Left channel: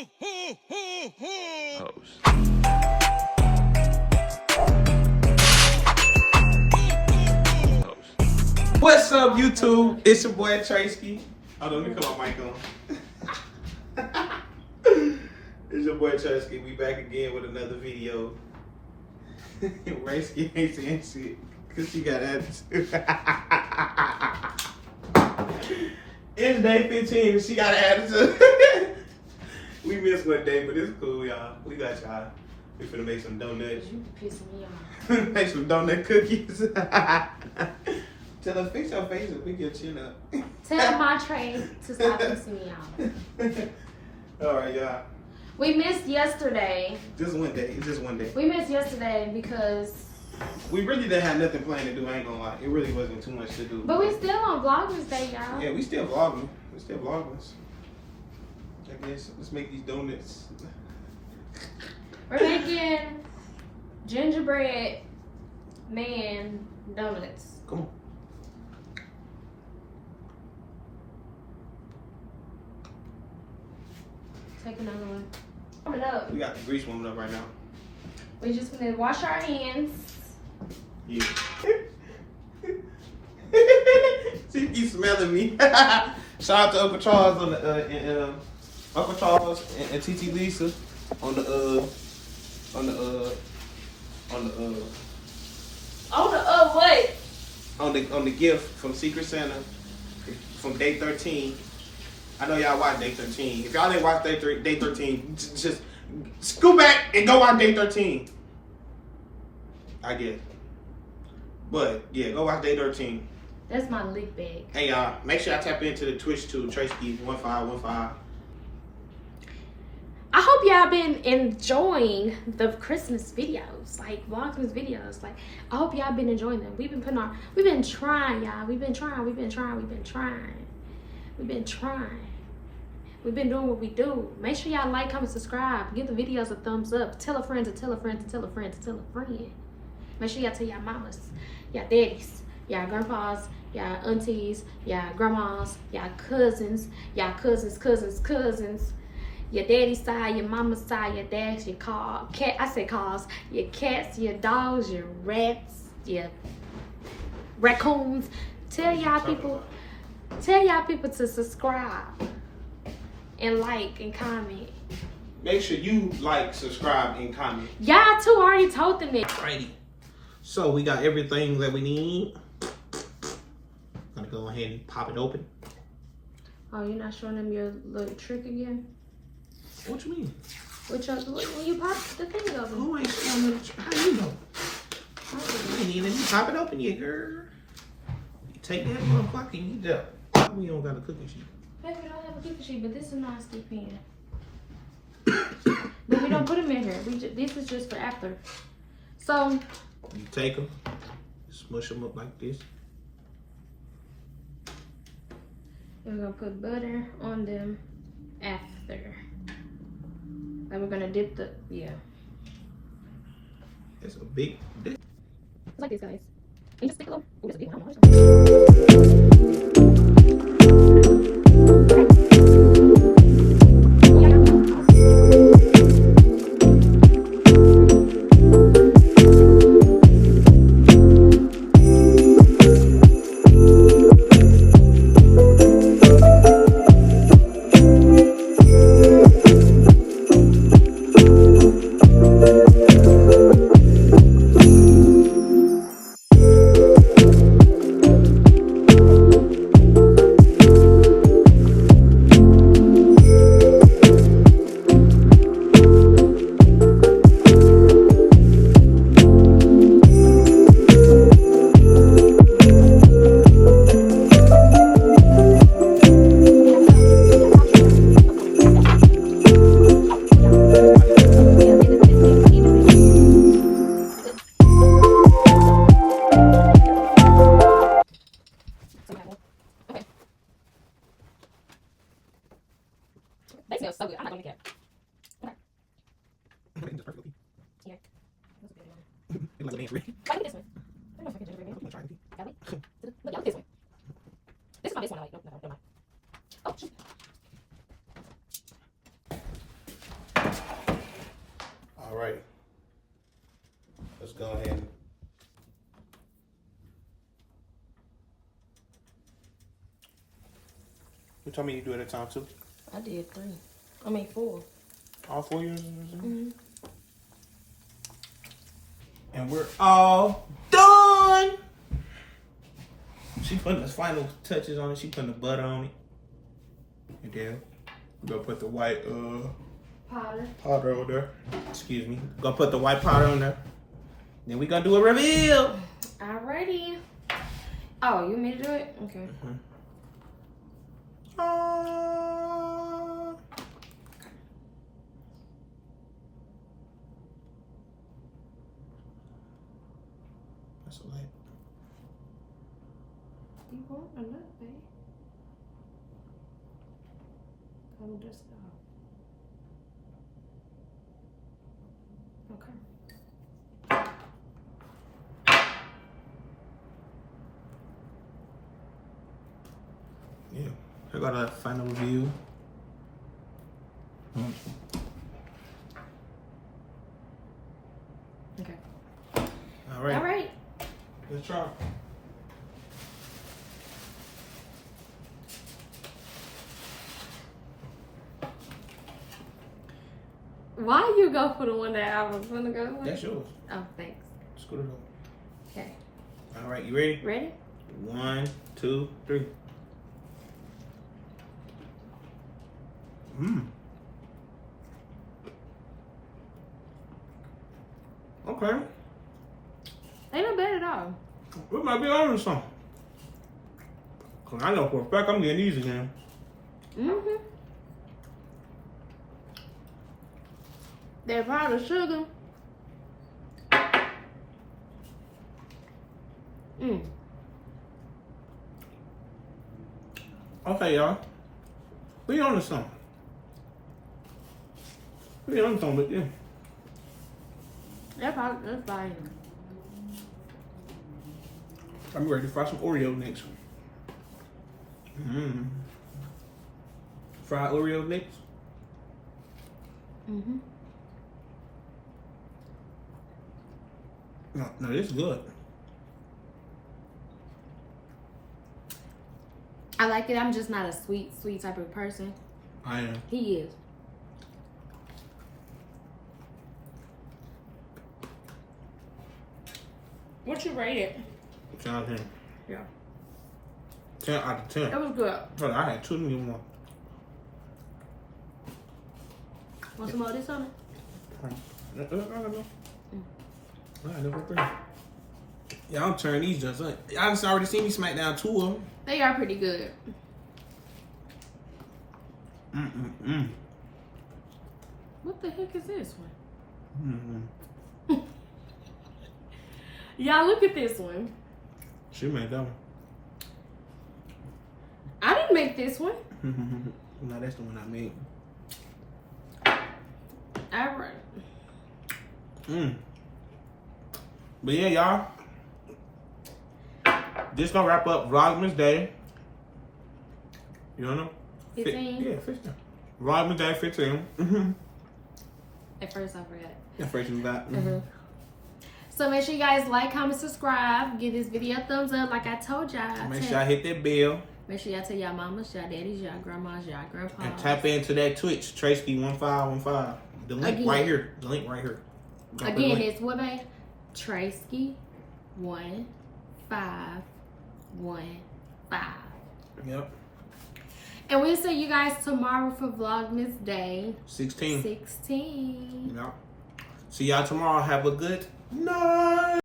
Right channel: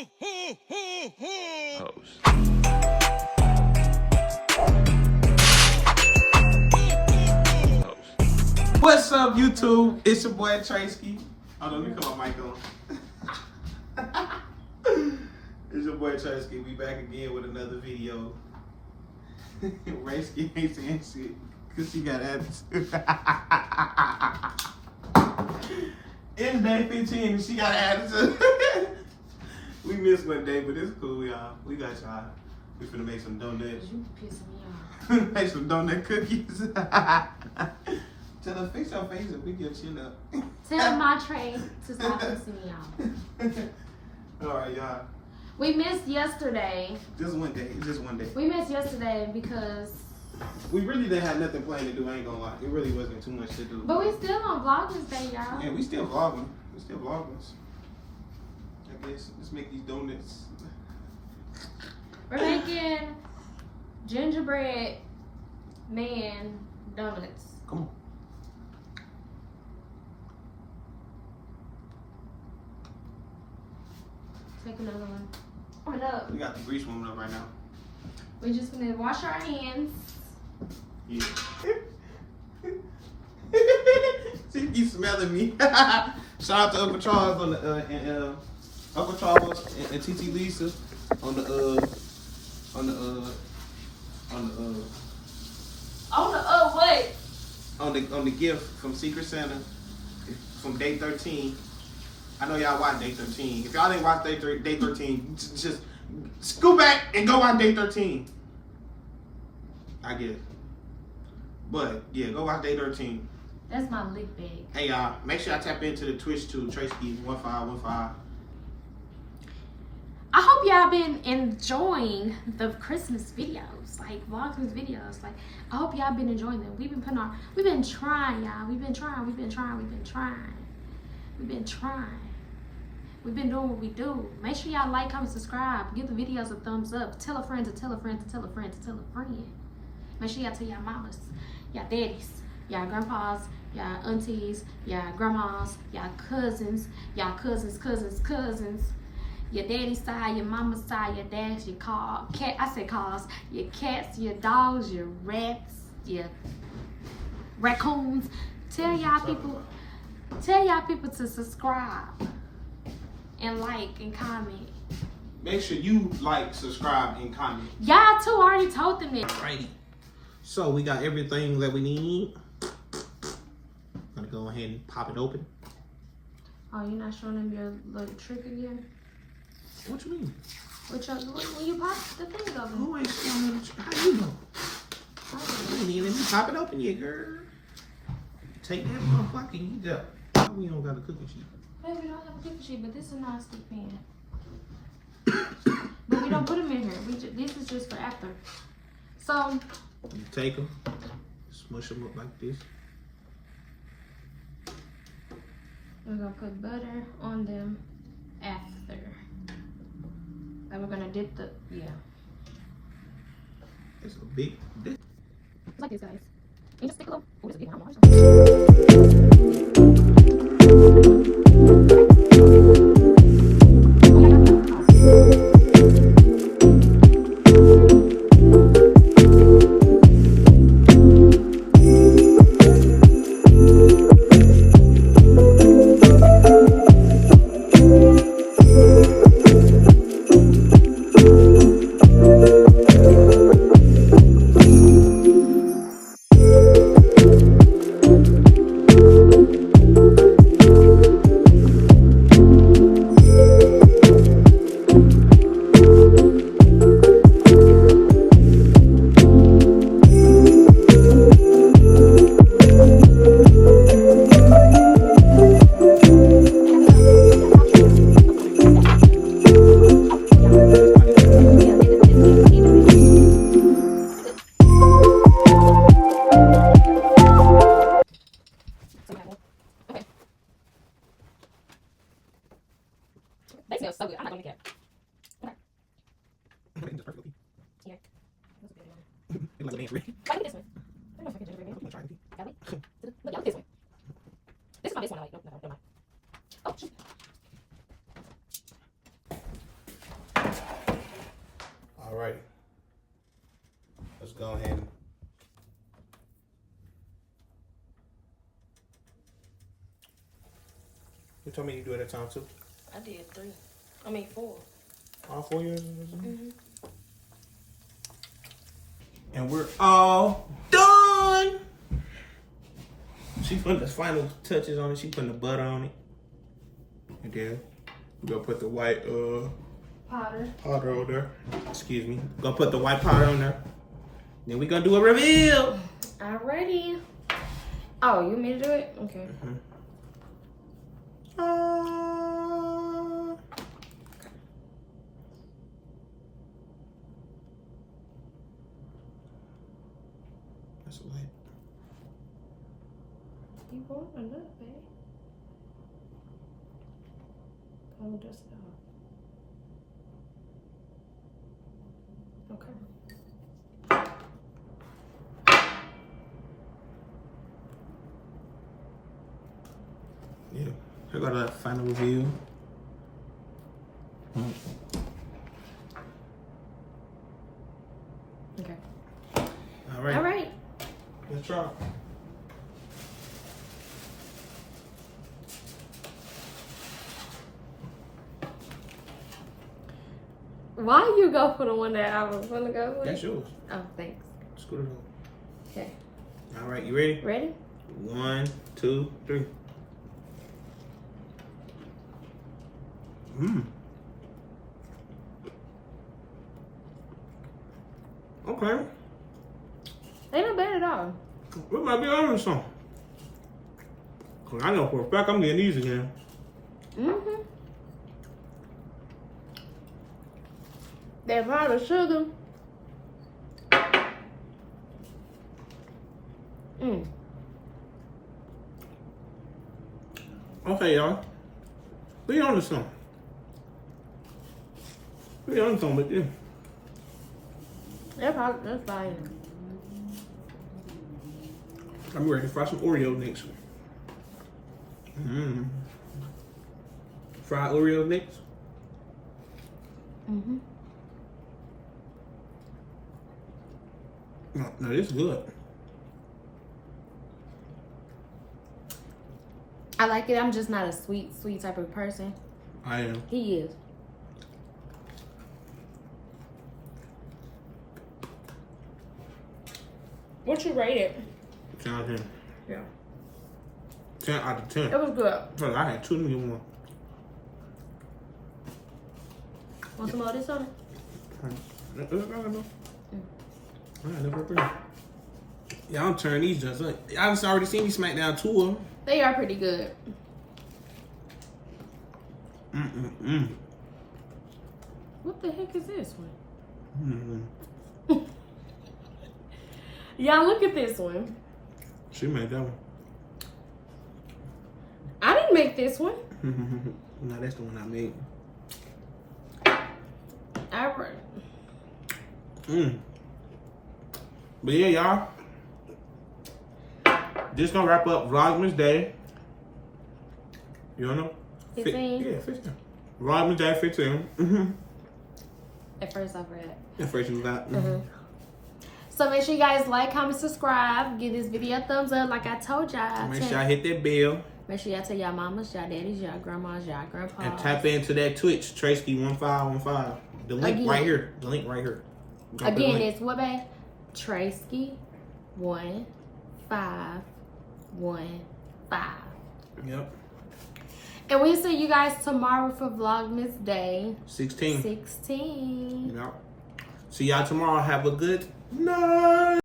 What's up, YouTube? It's your boy Treskii. Hold on, let me cut my mic on. It's your boy Treskii. We back again with another video. Rayskii ain't saying shit because she got attitude. It's day 15 and she got an attitude. We missed one day, but it's cool, y'all. We got y'all. We finna make some donuts. You pissing me off. Make some donut cookies. Tell her, fix your face and pick your chin up. Tell my train to stop pissing me off. Alright, y'all. We missed yesterday. Just one day. It's just one day. We missed yesterday because... We really didn't have nothing planned to do, I ain't gonna lie. It really wasn't too much to do. But we still on Vlogmas Day, y'all. Yeah, we still vlogging. We still vlogging. I guess let's make these donuts. We're making gingerbread man donuts. Come on. Take another one. Warm it up. We got the grease warming up right now. We just gonna wash our hands. Yeah. She keeps smelling me. Shout out to Uncle Charles on the Uncle Charles and TT Lisa on the what? on the gift from Secret Santa from day 13. I know y'all watch day 13. If y'all didn't watch day 13, just scoot back and go watch day 13. I guess. But yeah, go watch day 13. That's my leak bag. Hey y'all, make sure I tap into the Twitch too, Treskii1515. I hope y'all been enjoying the Christmas videos, like Vlogmas videos. Like, I hope y'all been enjoying them. We've been trying, y'all. We've been trying. We've been doing what we do. Make sure y'all like, comment, subscribe. Give the videos a thumbs up. Tell a friend to tell a friend to tell a friend to tell a friend. Make sure y'all tell y'all mamas, y'all daddies, y'all grandpas, y'all aunties, y'all grandmas, y'all cousins, your daddy's side, your mama's side, your dad's, your cars, your cats, your dogs, your rats, your raccoons. Tell y'all people to subscribe and like and comment. Make sure you like, subscribe, and comment. Y'all too already told them that. Alrighty. So we got everything that we need. Gonna go ahead and pop it open. Oh, you're not showing them your little trick again? What you mean? When you pop the thing open. Who ain't showing the trick? How you know? I ain't even pop it open yet, girl. Take that motherfucker and eat up. We don't got a cooking sheet. Maybe we don't have a cookie sheet, but this is not skip in. But we don't put them in here. This is just for after. So you take them, smush them up like this. we're gonna put butter on them after. And we're gonna dip the It's a big dip. It's like this, guys. And just stick a little. Oh, it's a big one. They smell so good. I'm not gonna get it. Okay. Here. That's a good one. It's like a man's ring. Try this one. I don't know if I can gingerbread man. I'm gonna try it. Got it? Look, y'all, this one. This is my best one I like. Nope, never mind. Oh, shoot. right. Let's go ahead. You told me you do it at a time too. I did 3. I mean 4. All 4 years. And we're all done. She putting the final touches on it. She putting the butter on it. And then we gonna put the white powder on there. Excuse me. Gonna put the white powder on there. Then we gonna do a reveal. Alrighty. Oh, you made to do it? Okay. That's a light. You want another baby? Come dust it off. Okay. Yeah. I got a final review. Okay. All right. All right. Let's try. Why you go for the one that I was gonna go with? That's yours. Oh, thanks. Scoot it over. Okay. All right, you ready? Ready? 1, 2, 3. Okay. Ain't no bad at all. We might be on to something. Cause I know for a fact I'm getting these again. Mm-hmm. That powdered sugar. Okay, y'all. We on to something. We on to something with this. That's fine. I'm ready to fry some Oreo next. Fried Oreo next. No, this is good. I like it. I'm just not a sweet type of person. I am. He is. What you rate it? 10 out of 10. Yeah. 10 out of 10. It was good. Hold on, I had 2 new one. Want some more of this on it? Y'all turn these just up. Y'all just already seen me smack down 2 of them. They are pretty good. What the heck is this one? Y'all look at this one. She made that one. I didn't make this one. No, that's the one I made. All right. But yeah, y'all. This gonna wrap up Vlogmas Day. You don't know? 15? Yeah, 15. Vlogmas Day 15. At first I forgot. At first you was out. So make sure you guys like, comment, subscribe. Give this video a thumbs up like I told y'all. Make sure y'all hit that bell. Make sure y'all tell y'all mamas, y'all daddies, y'all grandmas, y'all grandpas. And tap into that Twitch, Treskii 1515. The link Again. right here. The link right here. Again, it's what, babe? Treskii 1515. Yep. And we'll see you guys tomorrow for Vlogmas Day 16. 16. Yep. See y'all tomorrow. Have a good night.